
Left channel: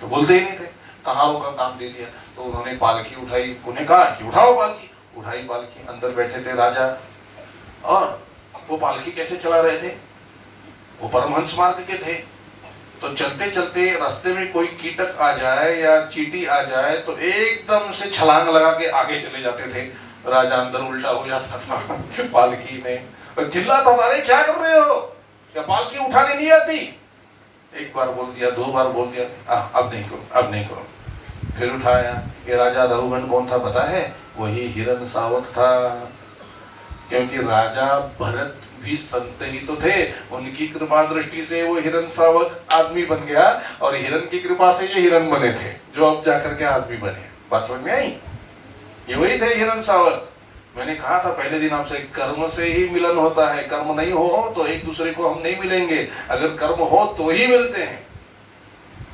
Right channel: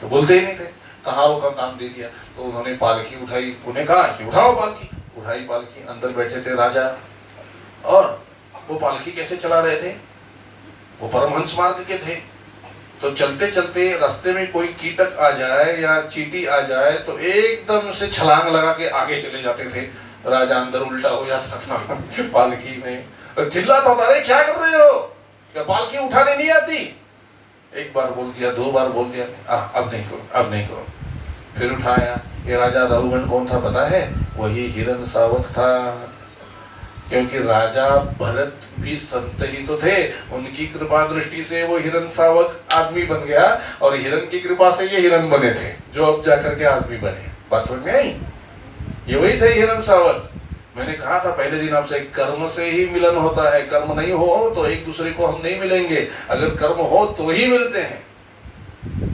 तो बोलते ही नहीं थे। कहारों का काम दे दिया। तो उन्होंने पालकी उठाई, उन्हें कहा कि उठाओ पालकी। उठाई पालकी, अंदर बैठे थे राजा। और वो पालकी कैसे चला रहे थे, वो परमहंस मार्ग के थे। तो चलते चलते रास्ते में कोई कीटक आ जाए या चींटी आ जाए तो एकदम से छलांग लगा के आगे चले जाते थे। राजा अंदर उल्टा हो जाता था पालकी में, और चिल्लाता था, अरे क्या कर रहे हो, क्या पालकी उठाने नहीं आती। एक बार बोल दिया, 2 बार बोल दिया, अब नहीं करो। फिर उठाया। ये राजा रहुगण कौन था पता है, वही हिरण सावक था। क्योंकि राजा भरत भी संत ही तो थे, उनकी कृपा दृष्टि से वो हिरण सावक आदमी बन गया, और हिरण की कृपा से ये हिरण बने थे, जो अब जाकर के आदमी बने। बात समझ में आई? ये वही थे हिरण सावक। मैंने कहा था पहले दिन आपसे, कर्म से ही मिलन होता है, कर्म नहीं हो तो एक दूसरे को हम नहीं मिलेंगे, अगर कर्म हो तो ही मिलते हैं।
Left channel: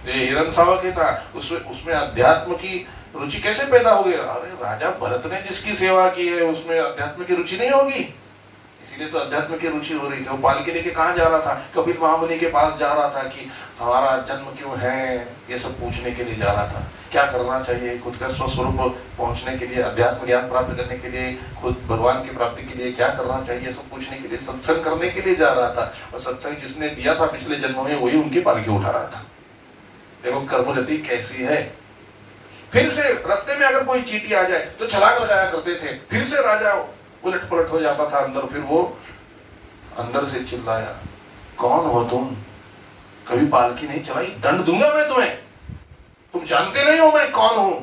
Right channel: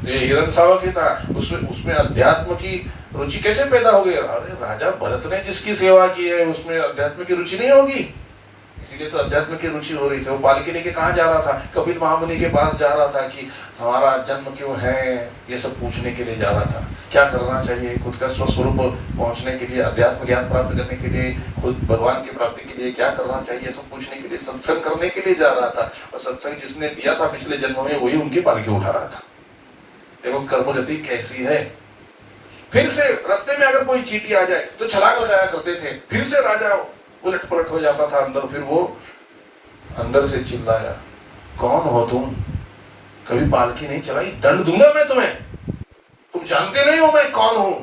ये हिरण सावक ही था। उसमें अध्यात्म की रुचि कैसे पैदा हो गई? अरे राजा भरत ने जिसकी सेवा की है उसमें अध्यात्म की रुचि नहीं होगी, इसीलिए तो अध्यात्म की रुचि हो रही थी। वो पालकी लेके कहाँ जा रहा था? कपिल महामुनि के पास जा रहा था कि हमारा जन्म क्यों है, ये सब पूछने के लिए जा रहा था। क्या करना चाहिए खुद का स्वस्वरूप पहुंचने के लिए, अध्यात्म ज्ञान प्राप्त करने के लिए, खुद भगवान की प्राप्ति के लिए क्या करना चाहिए, सब पूछने के लिए, सत्संग करने के लिए जा रहा था। और सत्संग जिसने दिया था पिछले जन्मों में, वही उनकी पालकी उठा रहा था। एवं कर्मगति कैसी है। फिर से रास्ते में अगर कोई चींटी आ जाए तो छलांग लगाया करते थे। फिर से राजा उलट पलट हो जाता था अंदर। फिर वो अंदर से चिल्लाया, कौन हो तुम, कभी पालकी नहीं चलाई, दंड दूंगा मैं तुम्हें, तुम जानते नहीं हो मैं कौन हूं।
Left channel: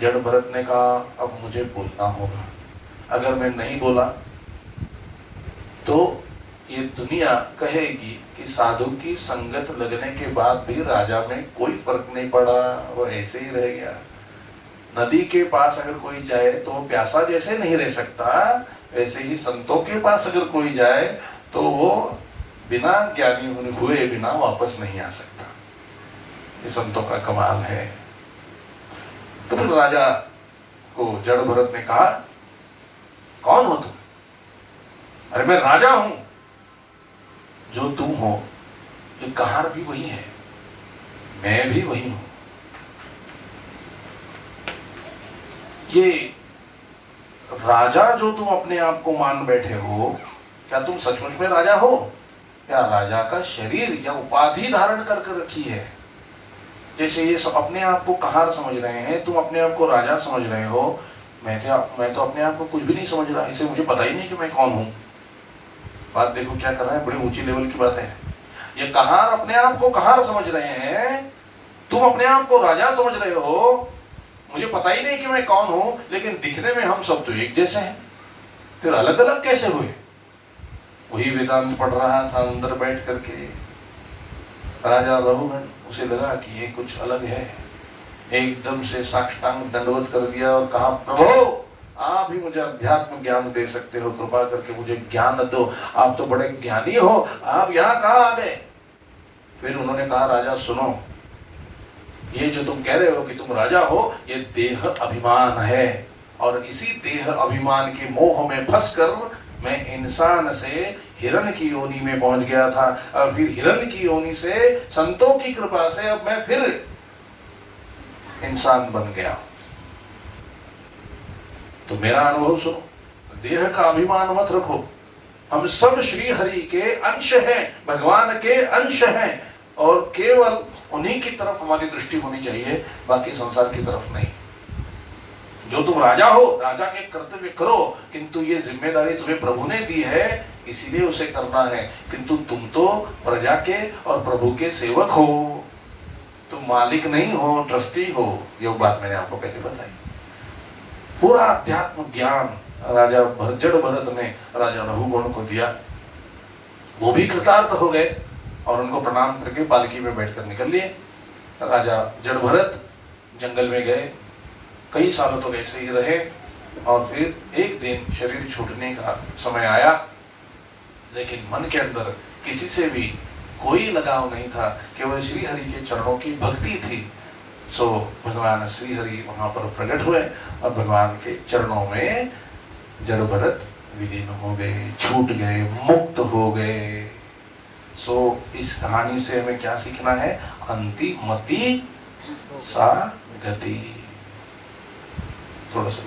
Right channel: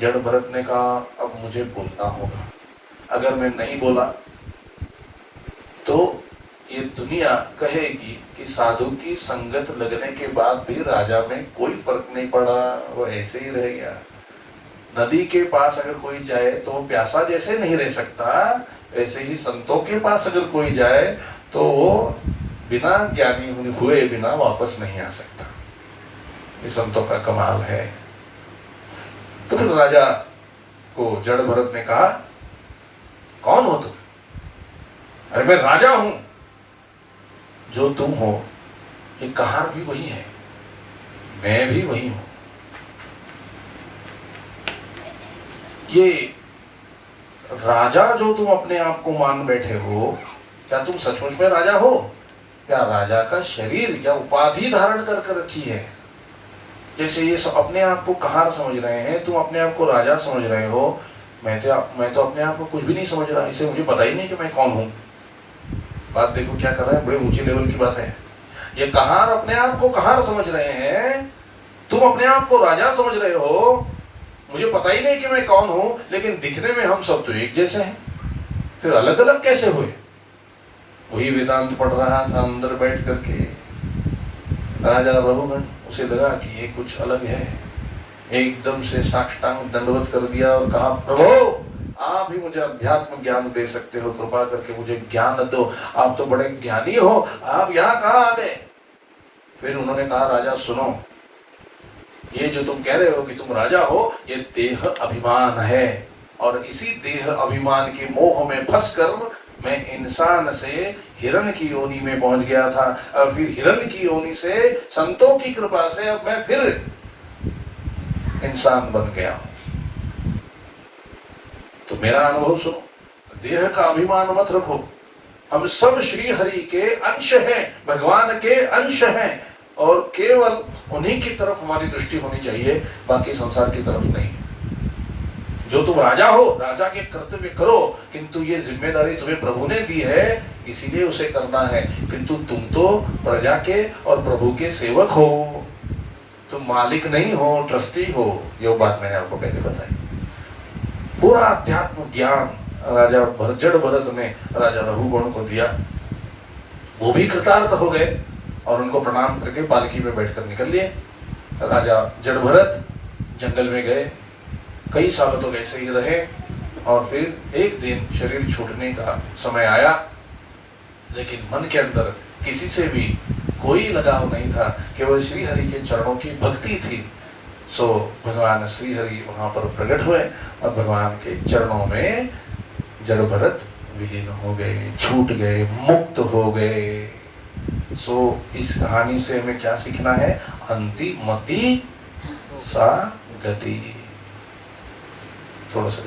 जड़ भरत ने कहा, अब मुझे बोलना होगा, अगर मैं नहीं बोला तो ये दुनिया कहेगी कि साधु की संगत लगने के बाद भी राजा में कोई फर्क नहीं पड़ा, वो ऐसे ही रह गया। नदी के पास अगर कोई जाए तो वो प्यासा जैसे नहीं रह सकता, वैसे ही संतों के पास अगर कोई जाए तो वो बिना ज्ञानी हुए बिना वापस नहीं आ सकता। ये संतों का कमाल है। तो फिर राजा को जड़ भरत ने कहा, कौन हो तुम? अरे मैं राजा हूं। जो तुम हो, ये कहार भी वही है, मैं भी वही हूं। ये राजा जो तुम अपने आप को मान बैठे हो, क्या तुम सचमुच में राजा हो? क्या राजा का शरीर या उपाधि धारण करके रखी है? जैसे ये अपने आप को कहार समझ रहे हैं, तुम अपने आप को राजा समझ रहे हो। मैं तो अपने आप को कुछ भी नहीं समझ रहा, इसे मुझे पता ही नहीं कि मैं कौन हूं। बात देखो क्या कर रहा है, बड़े ऊंचे लेवल की बात है। ये कहार अपने आप को कहार समझ रहे हैं, तुम अपने आप को राजा समझ रहे हो। मुझे पता ही नहीं कि मैं कौन हूं, लेकिन दिखने में हम सब तो एक जैसे हैं, फिर अलग अलग कैसे हुए? वही वेदांत पढ़ रहा था अंदर बैठ करके राजा रघुगण, उसे लगा कि ये कुछ अलग है। एकदम से साष्टांग दंडवत कर दिया और कहा, प्रभु आप ही मुझे अध्यात्म ज्ञान दे सकते हो, कृपा करके मुझे ज्ञान दो, आप तो बड़े ज्ञानी हो, आप यहाँ कहाँ आ गए? फिर उन्होंने कहा, राजा सुनो, ये जो तुम कह रहे हो कि तुम राजा हो, ये देह अभिमान है, और इसी देह अभिमान के मोह में फंसकर मैं इंसान से हिरण की योनि में पहुंच गया था, और फिर हिरण की योनि से संतों की कृपा से अब मैं फिर इंसान बन गया। तो मेरा अनुभव सुनो, देह का अभिमान मत रखो। हम सब श्री हरि के अंश हैं, भगवान के अंश हैं, और केवल उन्हीं की तरफ हमारी दृष्टि होनी चाहिए, बाकी संसार की तरफ नहीं। जो तुम राजा हो, राजा के कर्तव्य करो, किंतु ये जिम्मेदारी तुम्हें प्रभु ने दी है, इसीलिए उसे करना है। किंतु तुम तो प्रजा के और प्रभु के सेवक हो, तुम मालिक नहीं हो, ट्रस्टी हो। ये बात मैंने आपको पहले बताई। पूरा अध्यात्म ज्ञान राजा जड़ भरत ने राजा रघुगण को दिया। वो भी कृतार्थ हो गए और उनको प्रणाम करके पालकी में बैठकर निकल लिए। राजा जड़ भरत जंगल में गए, कई सालों तक ऐसे ही रहे, और फिर एक दिन शरीर छूटने का समय आया, लेकिन मन के अंदर किसी से भी कोई लगाव नहीं था, केवल श्री हरि के चरणों की भक्ति थी। सो भगवान श्री हरि वहां पर प्रकट हुए और भगवान के चरणों में जड़ भरत विलीन हो गए, छूट गए, मुक्त हो गए। सो इस कहानी से हमें क्या सीखना है? अंतिमति सा गति। थोड़ा सा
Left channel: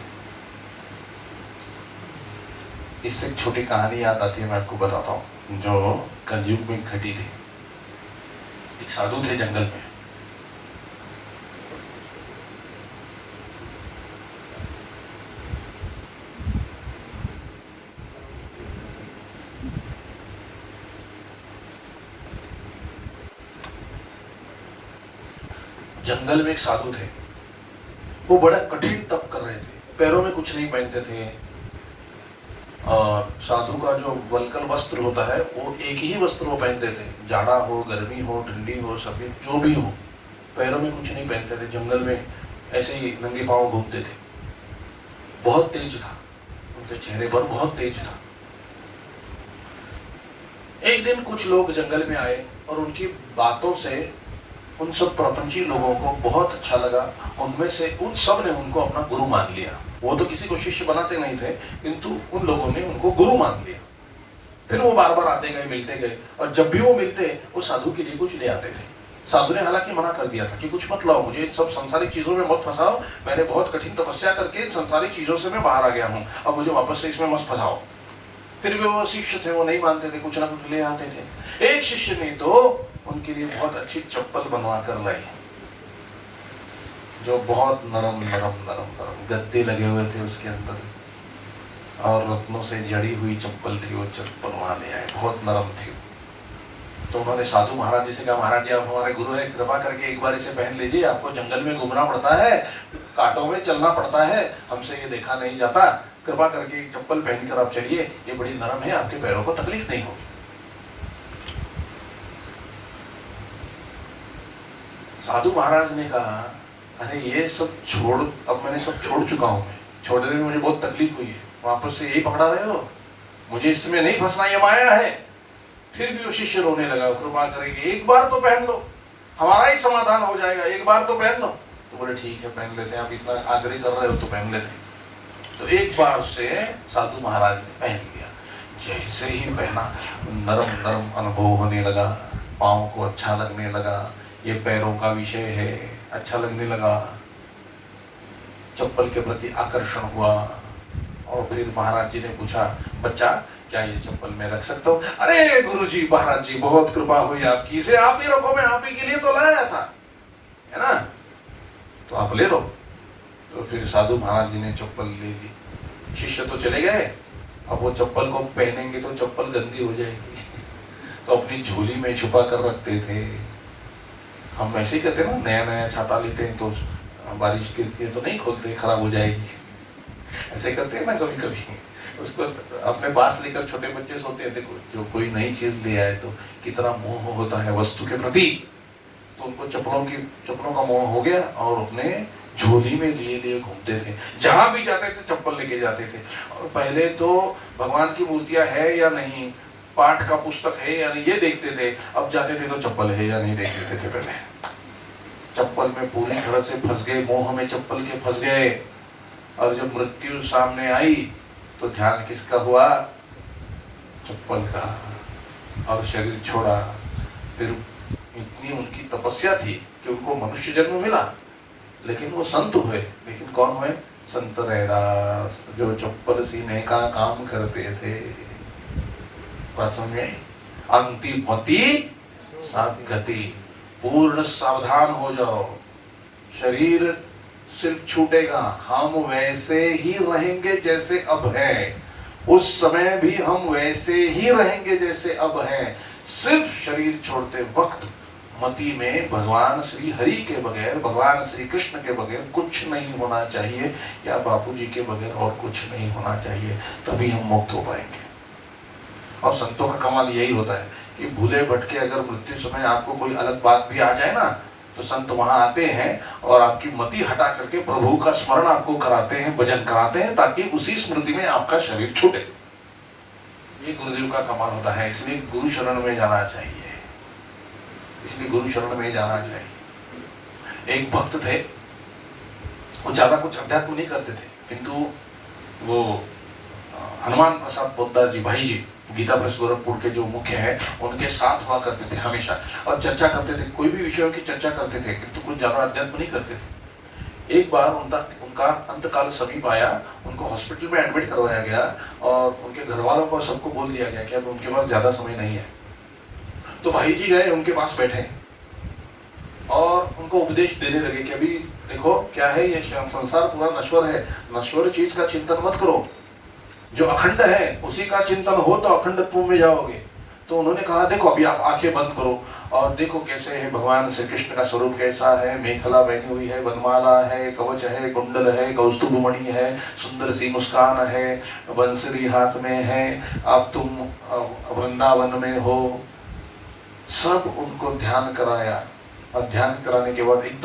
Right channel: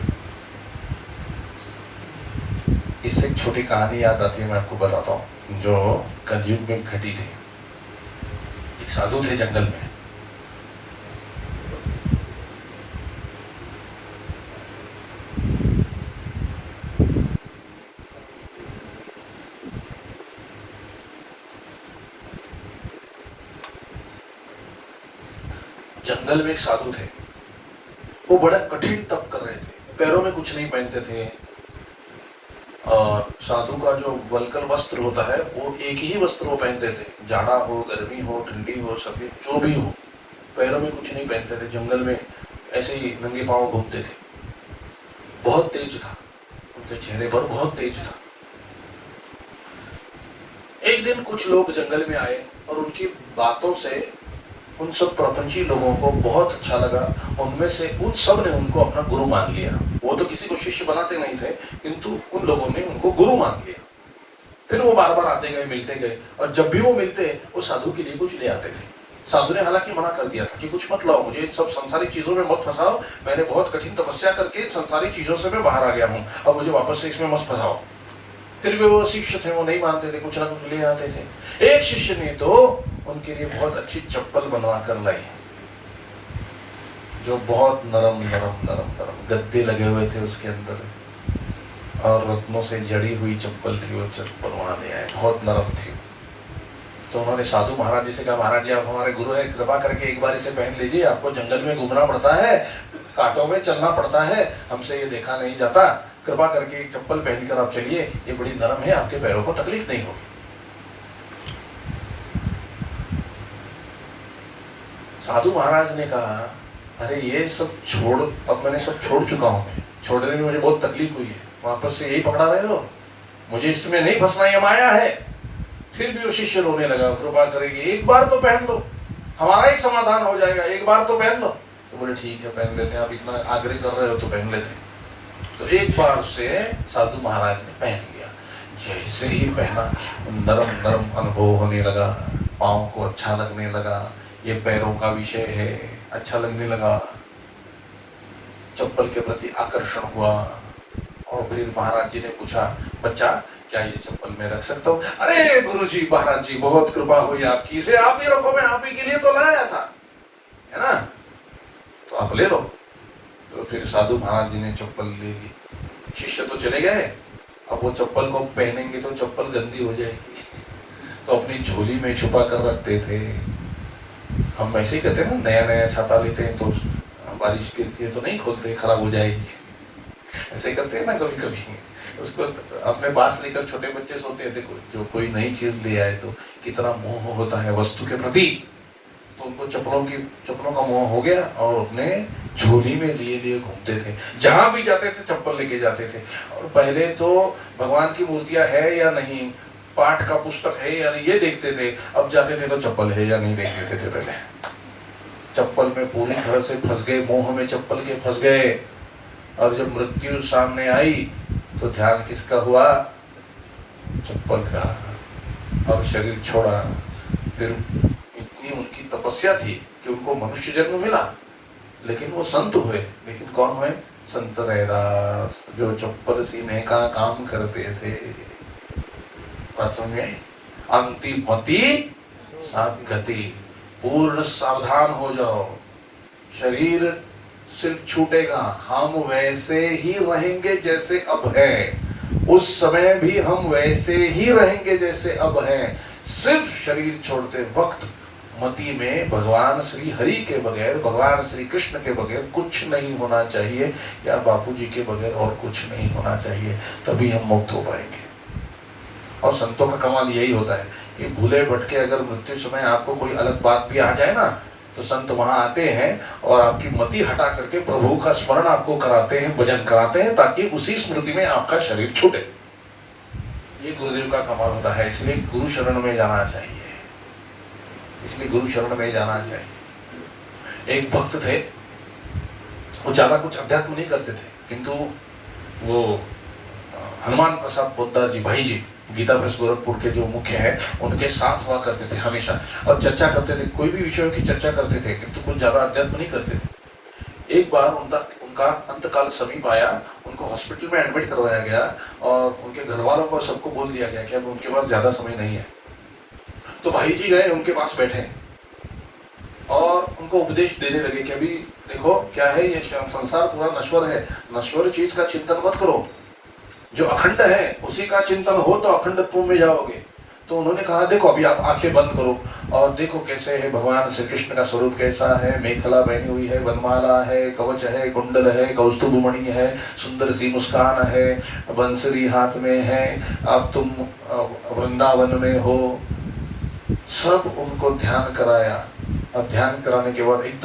इससे एक छोटी कहानी याद आती है, मैं आपको बताता हूँ, जो कलयुग में घटी थी। एक साधु थे जंगल में, जंगल में एक साधु थे। वो बड़ा कठिन तप कर रहे थे, पैरों में कुछ नहीं पहनते थे, और साधु का जो वल्कल वस्त्र होता है वो एक ही वस्त्र वो पहनते थे, जाड़ा हो, गर्मी हो, ठंडी हो, सफेद जो भी हो, पैरों में कुछ नहीं पहनते थे। जंगल में ऐसे ही नंगे पांव घूमते थे। बहुत तेज था, उनके चेहरे पर बहुत तेज था। एक दिन कुछ लोग जंगल में आए और उनकी बातों से उन सब प्रपंची लोगों को बहुत अच्छा लगा। उनमें से उन सब ने उनको अपना गुरु मान लिया। वो तो किसी को शिष्य बनाते नहीं थे, किंतु उन लोगों ने उनको गुरु मान लिया। फिर वो बार बार आते गए, मिलते गए, और जब भी वो मिलते वो साधु के लिए कुछ ले आते थे। साधु ने हालांकि मना कर दिया था कि कुछ मत लाओ, मुझे सब संसारी चीजों में मत फंसाओ, मैंने बहुत कठिन तपस्या करके संसारी चीजों से मैं बाहर आ गया हूँ, अब मुझे वापस से इसमें मत फंसाओ। फिर भी वो शिष्य थे, वो नहीं मानते थे, कुछ ना कुछ ले आते थे। एक शिष्य ने तो उनके लिए बहुत अच्छी चप्पल बनवा कर लाई, जो बहुत नरम नरम नरम नरम गद्दे लगे हुए थे उसके अंदर, और रत्नों से जड़ी हुई चप्पल थी। वो चप्पल वहां ले आए, बहुत नरम थी। तो उन्होंने साधु महाराज जी से कहा, महाराज जी आप हमारे गुरु हैं, कृपा करके एक बार इसे पहन लीजिए, आपको जंगल में घूमना पड़ता है, कांटों में चलना पड़ता है, हमसे ये देखा नहीं जाता, कृपा करके एक चप्पल पहनकर आप चलिए, ये बड़ी नरम है, आपके पैरों को तकलीफ नहीं होगी। साधु महाराज ने कहा, अरे ये सब छोड़, अब मैंने सब छोड़ चुका हूँ, छोड़ने में मुझे बहुत तकलीफ हुई है, वापस से यही पकड़ा रहे हो, मुझे इसमें नहीं फंसना, ये माया है। फिर भी वो शिष्य रोने लगा, कृपा करेगी एक बार तो पहन लो, हमारा ही समाधान हो जाएगा, एक बार तो पहन लो। तो बोले ठीक है पहन लेते हैं, आप इतना आग्रह कर रहे हो तो पहन लेते हैं। तो एक बार से साधु महाराज ने पहन लिया। जैसे ही पहना नरम नरम अनुभव होने लगा, पाँव को अच्छा लगने लगा, ये पैरों का विषय है, अच्छा लगने लगा, चप्पल के प्रति आकर्षण हुआ। और फिर महाराज जी ने पूछा, बच्चा क्या ये चप्पल मैं रख सकता हूँ? अरे गुरुजी, महाराज जी बहुत कृपा हुई आपकी, इसे आप ही रखो, मैं आप ही के लिए तो लाया था, है ना, तो आप ले लो। तो फिर साधु महाराज जी ने चप्पल ले ली। शिष्य तो चले गए, अब वो चप्पल को पहनेंगे तो चप्पल गंदी हो जाएगी, तो अपनी झोली में छुपा कर रखते थे। हम ऐसे ही कहते हैं ना, नया नया छाता लेते हैं तो बारिश गिरती है तो नहीं खोलते, खराब हो जाएगी, ऐसे करते हैं ना कभी कभी। उसको अपने पास लेकर छोटे बच्चे सोते हैं, देखो जो कोई नई चीज ले आए तो कितना मोह होता है वस्तु के प्रति, तो उनको चप्पलों का मोह हो गया और अपने झोली में लिए लिए घूमते थे, जहां भी जाते थे चप्पल लेके जाते थे। और पहले तो भगवान की मूर्तियां है या नहीं, पाठ का पुस्तक है या नहीं, ये देखते थे। अब जाते थे तो चप्पल है या नहीं देख लेते थे। पहले चप्पल में पूरी तरह से फंस गए, मोह में चप्पल के फंस गए। और जब मृत्यु सामने आई तो ध्यान किसका हुआ? चप्पल का, और शरीर छोड़ा। फिर इतनी उनकी तपस्या थी कि उनको मनुष्य जन्म मिला, लेकिन वो संत हुए। लेकिन कौन हुए? संत रैदास, जो चप्पल सीने का काम करते थे। में अंतिम मति सद्गति, पूर्ण सावधान हो जाओ। शरीर सिर्फ छूटेगा, हम वैसे ही रहेंगे जैसे अब है, उस समय भी हम वैसे ही रहेंगे जैसे अब है। सिर्फ शरीर छोड़ते वक्त मति में भगवान श्री हरि के बगैर, भगवान श्री कृष्ण के बगैर कुछ नहीं होना चाहिए, या बापूजी के बगैर और कुछ नहीं होना चाहिए, तभी हम मुक्त हो पाएंगे। और संतों का कमाल यही होता है कि भूले भटके अगर मृत्यु समय आपको कोई अलग बात भी आ जाए ना, तो संत वहां आते हैं और आपकी मति हटा करके प्रभु का स्मरण आपको कराते हैं, भजन कराते हैं, ताकि उसी स्मृति में आपका शरीर छूटे। ये गुरुदेव का कमाल होता है। इसलिए गुरु शरण में जाना चाहिए, इसलिए गुरु शरण में जाना चाहिए। एक भक्त थे, वो ज्यादा कुछ अध्यात्म नहीं करते थे, किंतु वो हनुमान प्रसाद पोद्दार जी, भाई जी, गीता प्रेस गोरखपुर के जो मुख्य है, उनके साथ हुआ करते थे हमेशा, और चर्चा करते थे, कोई भी विषयों की चर्चा करते थे, किंतु कुछ ज्यादा अध्यात्म नहीं करते थे। एक बार उनका अंतकाल समीप आया, उनको हॉस्पिटल में एडमिट करवाया गया, और उनके घर वालों को सबको बोल दिया गया कि अब उनके पास ज्यादा समय नहीं है। तो भाई जी गए, उनके पास बैठे और उनको उपदेश देने लगे कि अभी देखो क्या है, ये संसार पूरा नश्वर है, नश्वर चीज का चिंतन मत करो, जो अखंड है उसी का चिंतन हो तो अखंडत्व में जाओगे। तो उन्होंने कहा, देखो अभी आप आंखें बंद करो और देखो कैसे है भगवान श्री कृष्ण का स्वरूप, कैसा है, मेखला पहनी हुई है, वनमाला है, कवच है, कुंडल है, कौस्तुभ मणि है, सुंदर सी मुस्कान है, बंसुरी हाथ में है, अब तुम वृंदावन में हो। सब उनको ध्यान कराया, और ध्यान कराने के बाद एकदम